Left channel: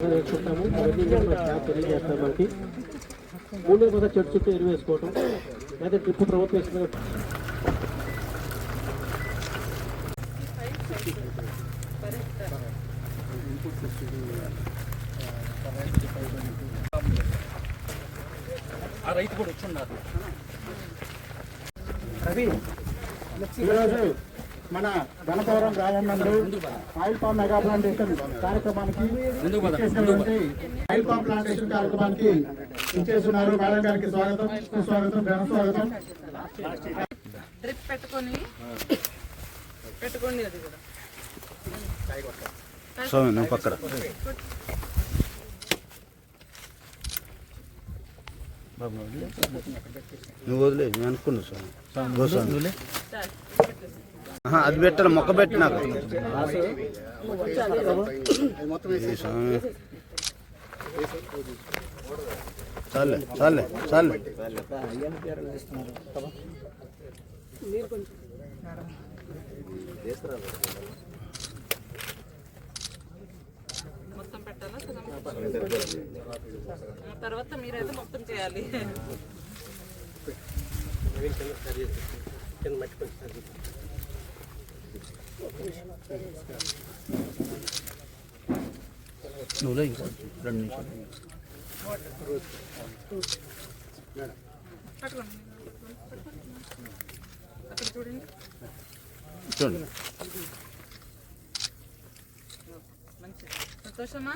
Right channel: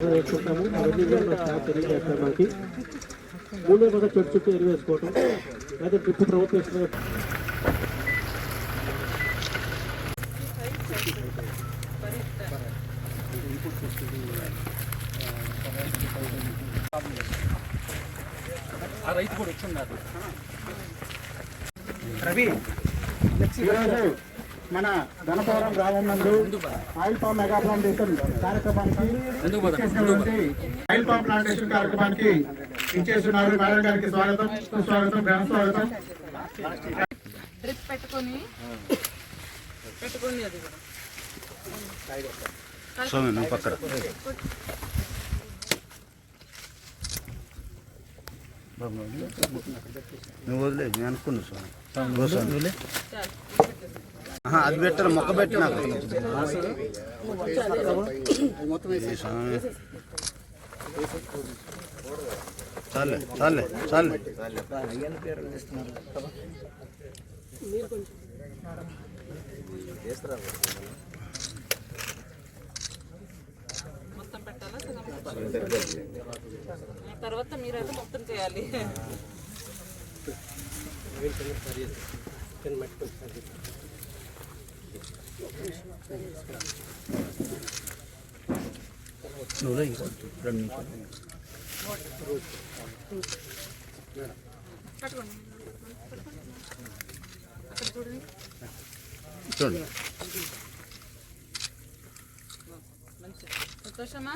వేసుకుంటాము అవన్నీ తెలియజేస్తాం మనకి కూడా చెట్టు చుట్టూ ఎరువు వేసుకోవటం లేదా డ్రిప్ ఆ రైతు కూడా వచ్చి ఉన్నారు. రవి మన ధనపారం గ్రామం నుండి ఆయిల్ పామ్ మెగా ప్లాంటేషన్ కార్యక్రమానికి ఆయిల్ పామ్ ప్లాంటేషన్ కార్యక్రమానికి ఇచ్చేస్తున్నారు మేడం గారికి స్వాగతం. సుస్వాగతం. ఘన స్వాగతం. డ్రిప్ పెట్టుకొని పెట్టుకోండి అది కూడా. నువ్వు వదిలే నేను అనుకున్నా స్వామి. ఆహా, అది పెట్టాలి మొక్క పెట్టి నాకు ఈ స్వామి. చాలే చాలే చాలే. మొత్తం పెట్టాలా? తర్వాత మీరైతే మొత్తం చేయాలి. నువ్వు లే ఇంకా రెండు నిమిషాలు చూడండి. చూడండి మంచిది సంతోషమా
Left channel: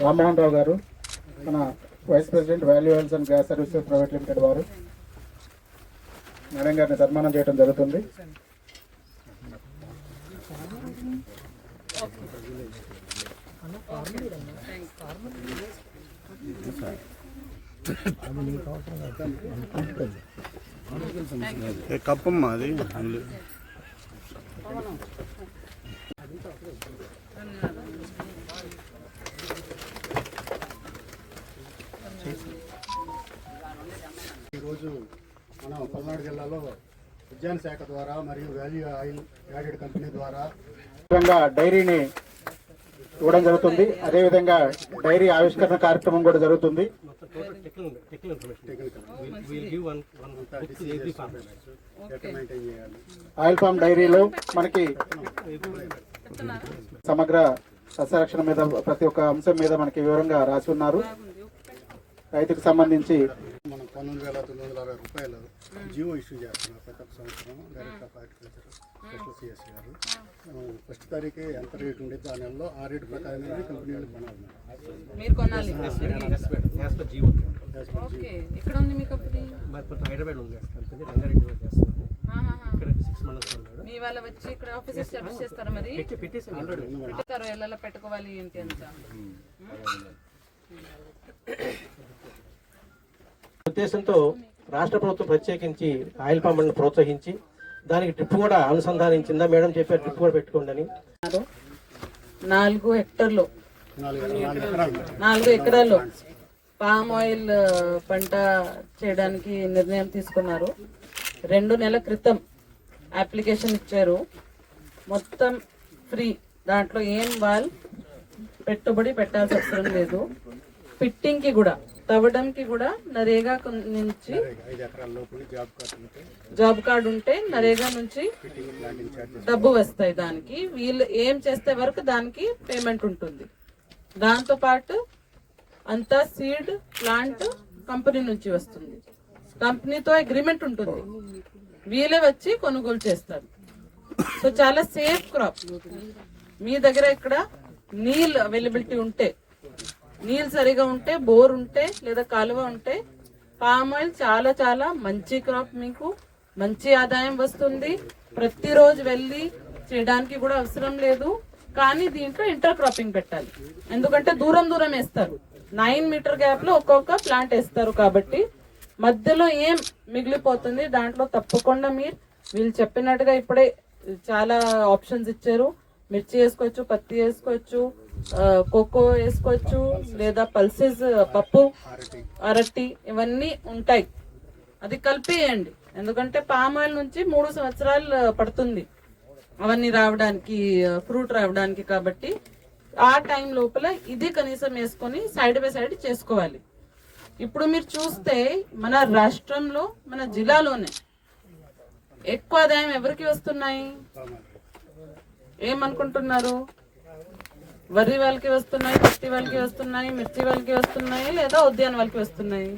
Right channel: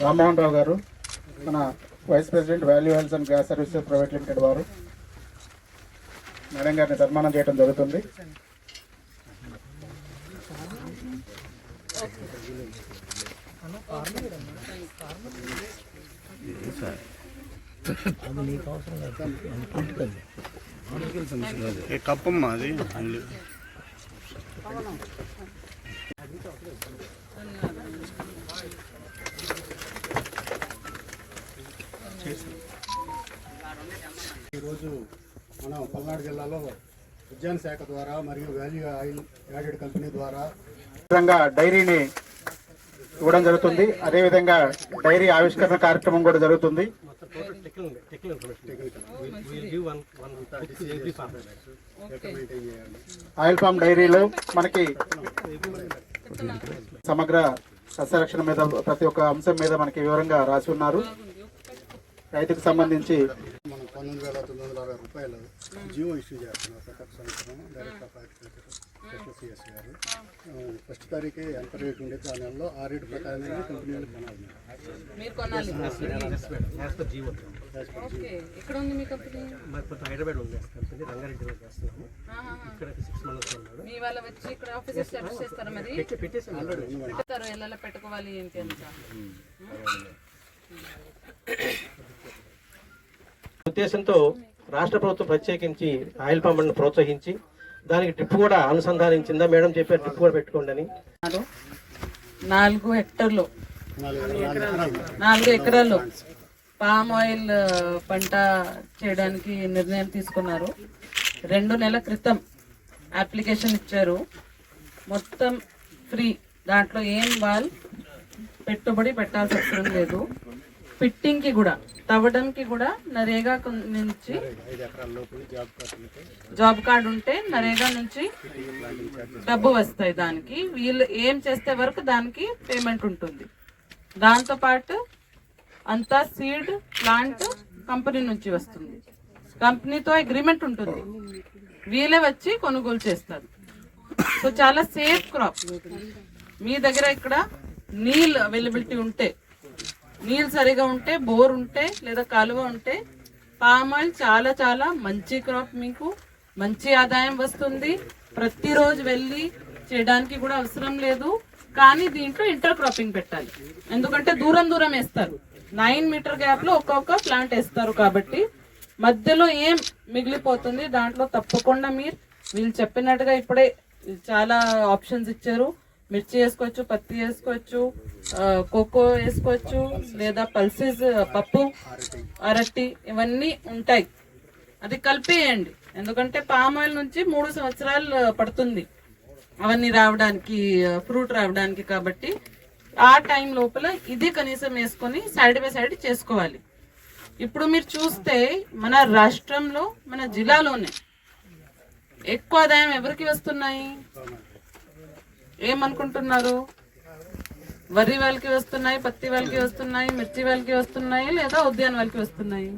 రామ్మోహన్ రావు గారు మన vice president value health and gas services private limited వారు మేడం గారిని సన్మానం చేయడం జరుగుతుంది కప్పమ్మా అది. ఈరోజు మనం పల్నాడు జిల్లాలో ఉద్యాన శాఖ ద్వారా మరియు వాల్యూ ఆయిల్ యాడెడ్ కంపెనీ ద్వారా విధంగా డైరీని ఇవ్వడం జరుగుతుంది. అదేవిధంగా డైరీ ఆవిష్కరణ కార్యక్రమం కూడా జరుగుతుంది. ఆయిల్ ఫామ్ డైరీలో మనకి సమగ్ర సస్యరక్షణ మీద ప్రతి ఒక్క అంశం మీద మనకి వివరంగా రాసి ఉన్నారు. రైతుకు సంబంధించి మనం పంతొమ్మిది వేల తొమ్మిది వందల అరవై రూపాయలు జియో ఇష్యూ చేస్తున్నాం ప్రతి ఒక్క సంవత్సరం డైరెక్ట్ ఎస్ఎస్సిఎస్ గారు. ఫస్ట్ తారీఖు ఎంత రేట్ ఉండేది ఆ నెలలో ఆ రేటు. కొనాలి కొనాలి మీ కంపెనీ? మీ వాళ్ళ వచ్చి ఇక్కడ చేస్తారా మరి? పెట్టుకోవాలి ఏంటి అంత? ఉద్దేశంతో రాష్ట్ర ప్రభుత్వం ప్రత్యేకించి ఆయిల్ పంపులను ప్రోత్సహించి దానికి డ్రిప్ కూడా అనుసంధానించిందా? మేడం చెప్పారు డ్రిప్ కూడా పెట్టుకోండి అని. నాలుగు హెక్టర్లు. నాలుగు ఎకరాలు పామ్ ఆయిల్ పంట చేయడానికి నిర్ణయం తీసుకున్నారు. రెండు నెలల క్రితం అప్లికేషన్ ఇచ్చారు. మొత్తం ఫ్రీ. దాంట్లో ఏం వాళ్ళు పెట్టుబడి పెట్టాల్సిన అవసరం లేదు. ఫిట్టింగ్కి కూడా తవ్వడంకి కూడా నరేగా నుంచి జాబ్ కార్డు ఉంటే నరేగా నుంచి డబ్బు వస్తాయి దానికి. వీళ్ళు ఏం చేస్తే వరకు దానికి పేమెంట్ ఉంటుంది. దాంతో పాటు అంతా సీడ్ ప్లాంట్ కంపెనీ నుంచి వస్తుంది. కంపెనీతో అగ్రిమెంట్ ఉంటుంది. వీళ్ళే వచ్చి కొనుగోలు చేస్తారు. సో చాలా సేఫ్ క్రాప్. మీ దగ్గర ఇక్కడ నీళ్ళు అవైలబిలిటీ ఉంటే నీళ్ళు సరిగా ఉంటే బోర్ ఉంటే లేదా కాలువ ఉంటే పామ్ ఆయిల్ చాలా చాలా మంచి క్రాప్ మీకు. మంచి ఆదాయం వస్తుంది. ప్రతిరోజు వెళ్ళి చేయడానికి కూడా అవసరం లేదు. కానీ దీంట్లో ఇంటర్ క్రాపింగ్ పెట్టాలి. ఎందుకంటే దూరం దూరం వేస్తారు. నైన్ మీటర్ గ్యాప్లో ఒక్కొక్క ప్లాంట్ వేస్తారు కాబట్టి మధ్యలో ఏం మిగిలిపోతుంది దాంట్లో తప్పకుండా మీరు వీళ్ళు చెప్పినట్టుగా ఇప్పుడే చాలా ఆప్షన్స్ ఇచ్చారు. మిర్చి వేసుకోవచ్చు పత్తి వేసుకోవచ్చు కోకో వేసుకోవచ్చు లేదా పల్సెస్ పప్పు అరటి ఇవన్నీ ఉంటాయి. అది కలిపేయండి. ఎందుకంటే పామ్ ఆయిల్ నుంచి మూడు సంవత్సరాలు పడుతుంది. అవన్నీ రావడానికి ఫ్రూట్ రావడానికి కాబట్టి ఆ టైం లోపల ఇది కనీసం వేసుకొని సైడ్ బై సైడ్ చేసుకోవాలి. ఇప్పుడు మీరు చూస్తే మన రాష్ట్రంలో మన జిల్లాలోనే ఎక్కువ ఆదాయం ఎవరికి వస్తున్నాయి? ఏమనుకుంటున్నారు? వరి వాళ్ళకి వస్తున్నాయి పత్తి వాళ్ళకి వస్తున్నాయి మిర్చి వాళ్ళకి వస్తున్నాయి లేదా ఉద్యాన వాళ్ళకి వస్తున్నాయి?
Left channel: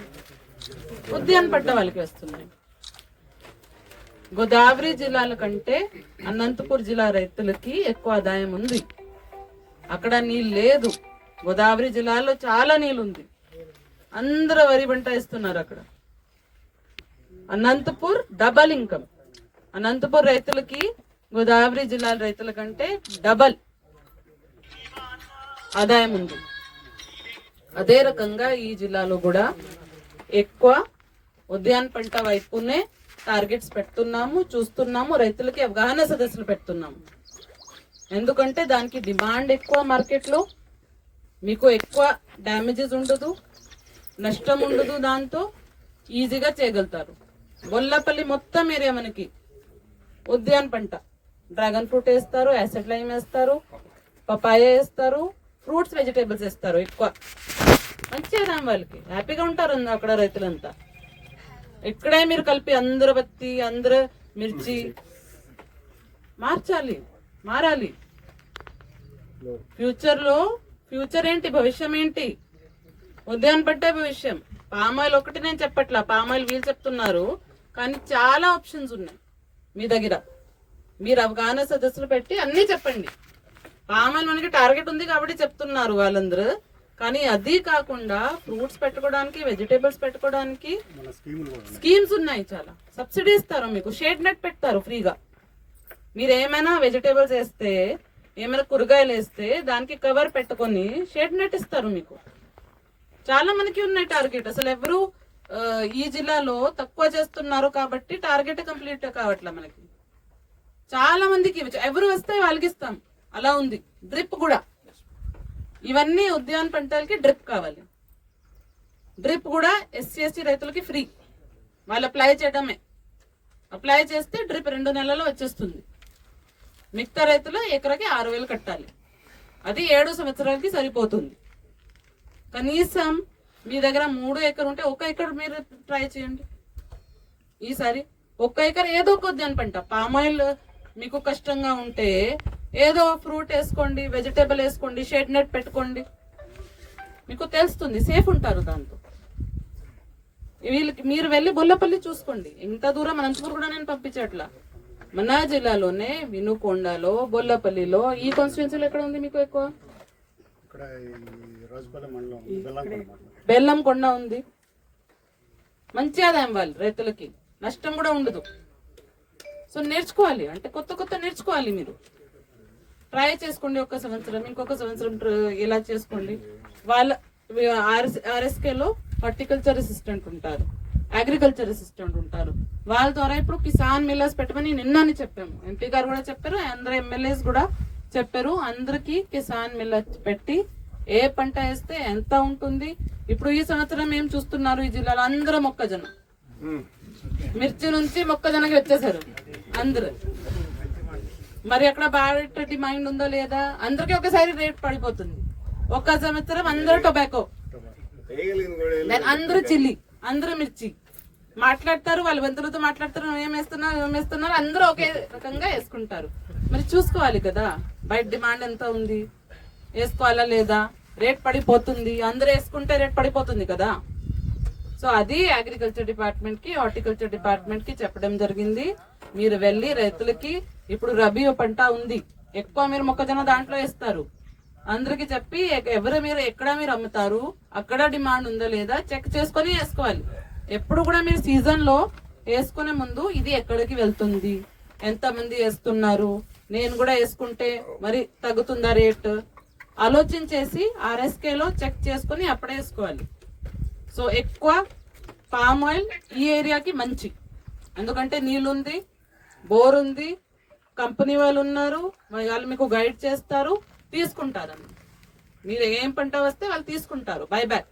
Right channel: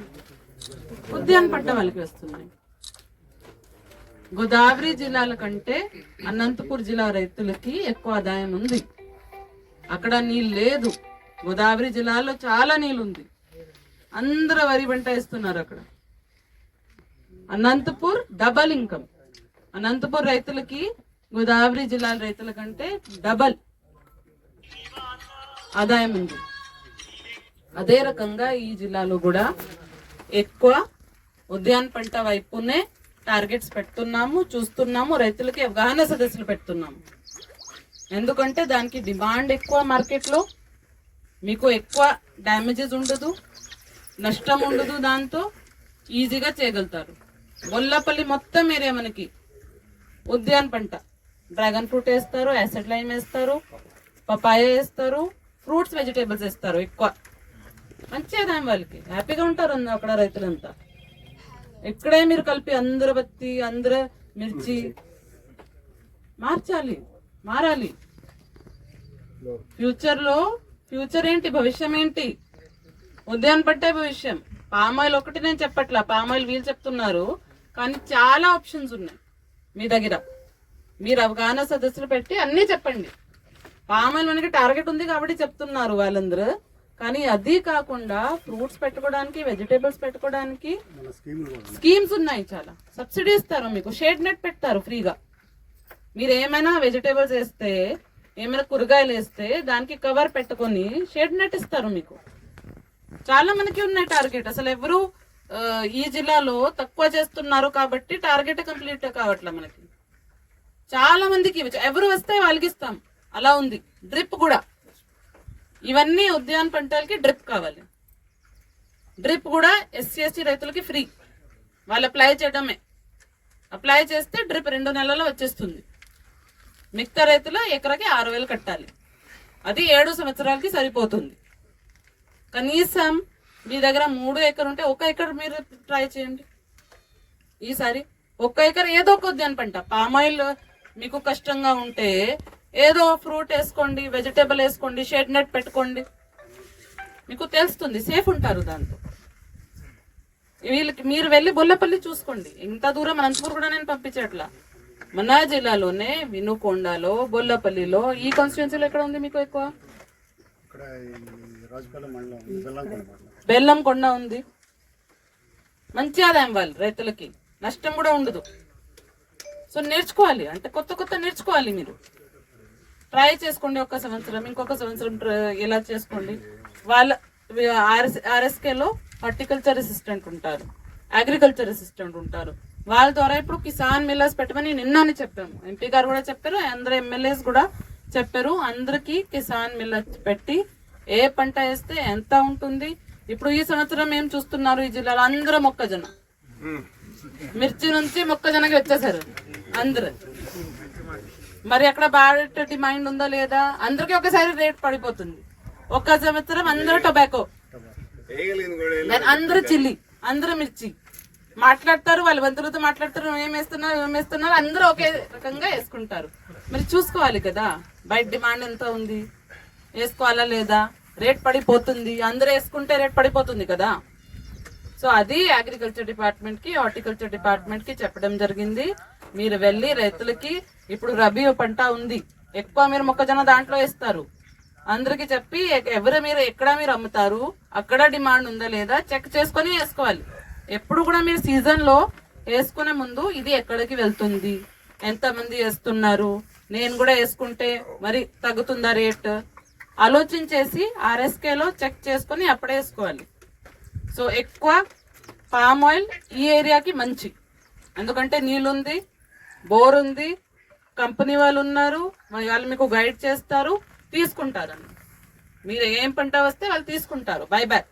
ఉద్యాన పట్ట వాళ్ళకి వస్తున్నాయి. గోదావరి జిల్లాల కంటే అనంతపూర్ జిల్లా రైతులకి ఎక్కువ ఆదాయం ఉంది. అక్కడ నీళ్ళు లేదు. గోదావరి జిల్లాలో చాలా నీళ్ళు ఉంది అందరూ వరి పంట వేస్తున్నారు అక్కడ. Anantapur double income. అనంతపూర్ రైతులకి గోదావరి జిల్లాల రైతుల కంటే డబల్ ఆదాయం ఉంది. అదే రకంగా ఈ జిల్లాలో కూడా ఎక్కువ ఉద్యాన పంట వైపునే టార్గెట్స్ పెడుతున్నాము చూస్తున్నాము రైతులకి అవగాహన సదస్సులు పెడుతున్నాము. ఎందుకంటే దానికి డిమాండ్ ఎక్కువ మార్కెట్లో మీకు ఎక్కువ డ్యామేజెస్ ఉండదు నష్టం ఉండదు దాంతో ఈజీగా చేయగలుగుతారు. బొల్లపల్లి మొత్తం ఏరియా మనకి ఉద్యాన పంట. డ్రాగన్ ఫ్రూట్ వేస్తారు యాసిడ్ లైమ్ వేస్తారు పపాయ వేస్తారు ఫ్రూట్స్ వెజిటేబుల్స్ వేస్తారు ఎక్కువ. మంచి దాని వాళ్ళకి. హ్యాపీగా ఉంటారు అక్కడ రైతులంతా. ఇక్కడే మీరు కలిపి అందరు బత్తి అందరు మిర్చి మార్చాలి మారాలి. ఫ్యూచర్లో ఫ్యూచర్ ఏంటి భవిష్యం ఏంటి? ఉదయం పట్టే భవిష్యం. పామాయిల్ ఒకటి నేను చెప్పట్లా పామాయిల్ వీళ్ళు చెప్తున్నారు. కానీ చాలా ఆప్షన్స్ ఉన్నాయి మీ దగ్గర. మీరు అవగాహన సదస్సులు పెట్టి అన్నీ చెప్పండి. పామాయిల్ మనకి టార్గెట్ ఉంది కాబట్టి చెప్తున్నారు వాళ్ళందరూ. కానీ అది కాకుండా ఫ్రూట్స్ పెట్టుకోవడానికి వెజిటేబుల్స్ పెట్టుకోవడానికి స్కీమ్స్ ఉన్నాయి చాలా. సబ్సిడీ ఇస్తారు మీకు. షేడ్ నెట్ పెడతారు ఫ్రీగా. మీరు ఏమైనా వెజిటేబుల్స్ వేస్తే ఏమైనా కూరగాయలు వేస్తే దానికి కవర్ పెట్టుకొని షేడ్ నెట్ ఇస్తారు మీకు. చాలా మనకి ఉన్నాయి టార్గెట్. అసలు ఎవరు ఈ జిల్లాలో తక్కువ చేస్తున్నారు కాబట్టి టార్గెట్ కంప్లీట్ కావట్లే మనకి. చాలా మందికి ఎవరు వస్తే వాళ్ళకి ఇస్తాం. అలా ఉంది. డ్రిప్ కూడా. ఇవన్నీ ఉద్యాన పంటలకి డ్రిప్ కావాలి. డ్రిప్ కూడా ఎస్సీ ఎస్టీ రైతులకి ఫ్రీ. వాళ్ళు అప్లై చేయడమే. అప్లై చేస్తే డ్రిప్ రెండు నెలల్లో వచ్చేస్తుంది. మిగతా రైతులు ఎకరాకి ఆరు వేలు కట్టాలి. అది ఏడు సంవత్సరాలకి సరిపోతుంది. కనీసం మీ దగ్గర మూడు ఎకర్ ఉంటే ఒక ఎకర్ మీరు ట్రై చేయండి. ఈసారి ఒక్క ఎకర్ ఏదో ఒక ఉద్యాన పంట. పామాయిల్ మీకు కష్టంగా ఉంటే ఏదో ఫ్రూట్ వేసుకోండి వెజిటేబుల్ వేసుకోండి షెడ్ నెట్ పెట్టుకోండి. మీకు తెలుస్తుంది సేఫ్ ఉంటారు దాంతో వీళ్ళకి మీరు వెళ్ళి బొల్లపల్లి చూసుకోండి. ఇంత దూరం అనంతపూర్ కూడా నేను పంపించట్లా. మన జిల్లాలోనే వినుకొండలో బొల్లపల్లిలో ఈ కాన్స్టిట్యున్సీలో ఎక్కడ ఉంది మీకు ఎక్కువ? బెల్లం కొండ ఉంది మంచి ఆదాయం వాళ్ళు రైతులకి. నష్టం కూడా ఉండదు. సో నేర్చుకోవాలి. అంటే కొత్త కొత్త నేర్చుకోవాలి మీరు. ట్రై చేసుకోండి ఒక సంవత్సరం ఇంకొక సంవత్సరం ఇలా చేసుకోండి. వాళ్ళ ఆర్ఎస్ ఆర్ఎస్కేలో హార్టికల్చర్ అసిస్టెంట్ ఉంటారు అగ్రికల్చర్ అసిస్టెంట్ ఉంటారు. వాళ్ళ ద్వారా ఇప్పుడు కిసాన్ మిల్లర్స్ పెట్టమని నిన్ననే చెప్పాము. ఎంపీ గారు కూడా చెప్పారు అందరు ఎమ్మెల్యేస్ కూడా చెప్పారు. అందరికి కిసాన్ మిల్లర్స్ పెట్టి ఏ పంట వేస్తే ఎంత ఉంటుంది. ఇప్పుడు ఈ సంవత్సరం ఏం చూస్తున్నారు ఈ జిల్లాలో? అందరూ మొక్కజొన్న. మిర్చి నుంచి మొక్కజొన్నకి వచ్చేసారు. అందరు. మరి అక్కడ బాగా డిమాండ్ ఉందో లేదా? అందరికి ఒకసారి రేట్ పడిపోతుంది. ఒక్క సంవత్సరం అందరూ టొబాకో. అందరూ చిల్లి అందరూ మిర్చి. మాట్లాడతారు వాళ్ళ బంధువులతో మాట్లాడతారు ఏం వేస్తున్నారు ఏం వేస్తున్నారు అందరూ ఒకే రకంగా వేసుకుంటారు. మరి చూసుకోవాలి కదా బయట డిమాండ్ ఎంత ఉంది? వేసుకోవాలా లేదా? రేట్ పడిపోతుంది అందరూ వేసుకుంటే రేట్ పడిపోతుంది కదా. సో అది అగ్రికల్చర్ డిపార్ట్మెంట్కి హార్టికల్చర్ డిపార్ట్మెంట్కి చెప్పడం జరిగింది. మీరు వెళ్ళి రైతులకి ఇప్పుడు రబీ పంట ఉంది. ఎక్కువ మీరు మొక్కజొన్న దాంట్లో వేస్తారు. అందరికి చెప్పి ఎవరు మీరు ఎక్కడ మీరు అమ్ముతారు అక్కడ డిమాండ్ ఉందా లేదా చెక్ చేసుకొని వేసుకోవాలి. ఎప్పుడు కూడా మీరు సీజన్లో వేసుకునే ముందు ఇది ఎక్కడికి వెళ్తుంది? ఎంతమంది వేస్తున్నారు? నేను కూడా వేసుకుంటే మరి తగ్గుతుందా రేట్? ఆలోచించేసి ఆర్ఎస్కేలో చెక్ చేసుకొని అప్పుడే వేసుకోవాలి. సో ఎక్కువ పామ్ ఆయిల్ ఈ ఏరియాకి మంచి. ఎందుకంటే నీళ్ళుంది బోర్ ఉంది కంపెనీ వాళ్ళు ఉన్నారు మరి వాళ్ళు మీకు గైడ్ చేస్తారు తీసుకుంటారు మీరు ఏం పంట వస్తే వాళ్ళు తీసుకుంటారు బై బ్యాక్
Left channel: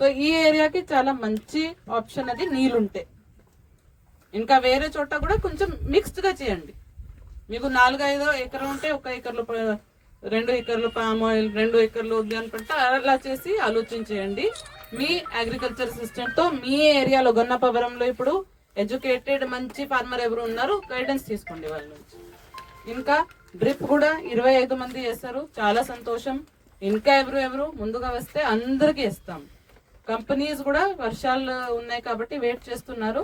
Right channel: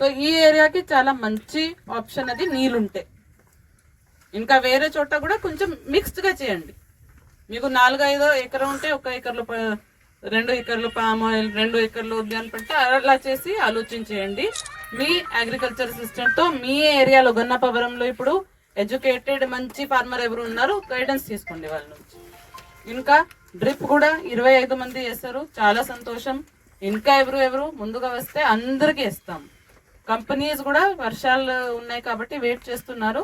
సో ఈ ఏరియాకి చాలా మంచి ఆప్షన్ అది నీళ్ళుంటే. ఇంకా వేరే చోట కూడా కొంచెం మిక్స్డ్గా చేయండి. మీకు నాలుగు ఐదో ఎకరం ఉంటే ఒక ఎకర్లు రెండు ఎకర్లు పామ్ ఆయిల్ రెండు ఎకర్లు ఉద్యాన పంట అలా చేసి ఆలోచించేయండి మీ అగ్రికల్చర్ సిస్టంతో మీ ఏరియాలో గన్నపవరంలో ఇప్పుడు ఎడ్యుకేటెడ్ మంచి ఫార్మర్ ఎవరు ఉన్నారు గైడెన్స్ తీసుకోండి వాళ్ళ నుంచి. ఇంకా డ్రిప్ కూడా ఇరవై ఐదు మంది చేస్తారు చాలా సంతోషం. ఇంకా ఎవరు ఎవరు ముందుగా వస్తే అందరికీ ఇస్తాం. కంపెనీస్ కూడా వర్షాలు ఉన్నాయి కాబట్టి వెయిట్ చేస్తున్నారు.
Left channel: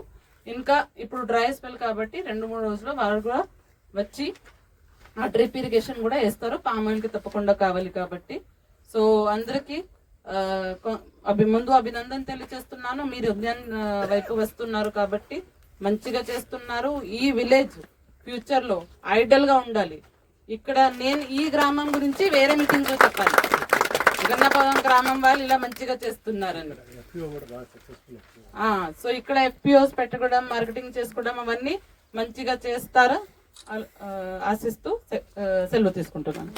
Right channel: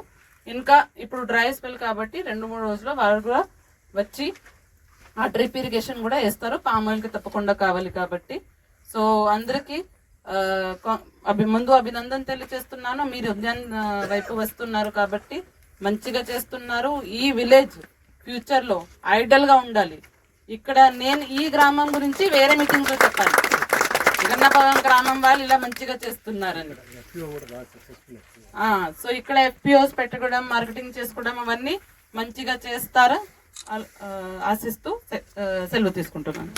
ఇంకా ఇప్పుడు డ్రై స్పెల్ కాబట్టి రెండు మూడు రోజుల్లో వారు కూడా వచ్చి ఆ డ్రిప్ ఇరిగేషన్ కూడా వేస్తారు. పామ్ ఆయిల్కి తప్పకుండా కావాలి కాబట్టి. సో అందరికీ అభి ముందు అభినందన తెలియజేస్తున్నాను. మీరు ఉద్యాన్ వైపు వస్తున్నారు కాబట్టి మంచిగా చేస్తున్నారు. ఈ విలేజ్ ఫ్యూచర్లో ఐడల్గా ఐడల్గా ఉండాలి. ఇక్కడ నేను ఈ గ్రామం గురించి వేరే మీటింగ్లో చెప్పాను జగన్నాపురం గ్రామం వాళ్ళు ఇలా మంచిగా చేస్తున్నారని. సో ఇక్కడ ఎఫ్పిఓస్ పెట్టుకోవడం మార్కెటింగ్ చేసుకోవడం అవన్నీ మంచిగా చేస్తారా? ఆశిస్తూ సెలవు తీసుకుంటున్నాను.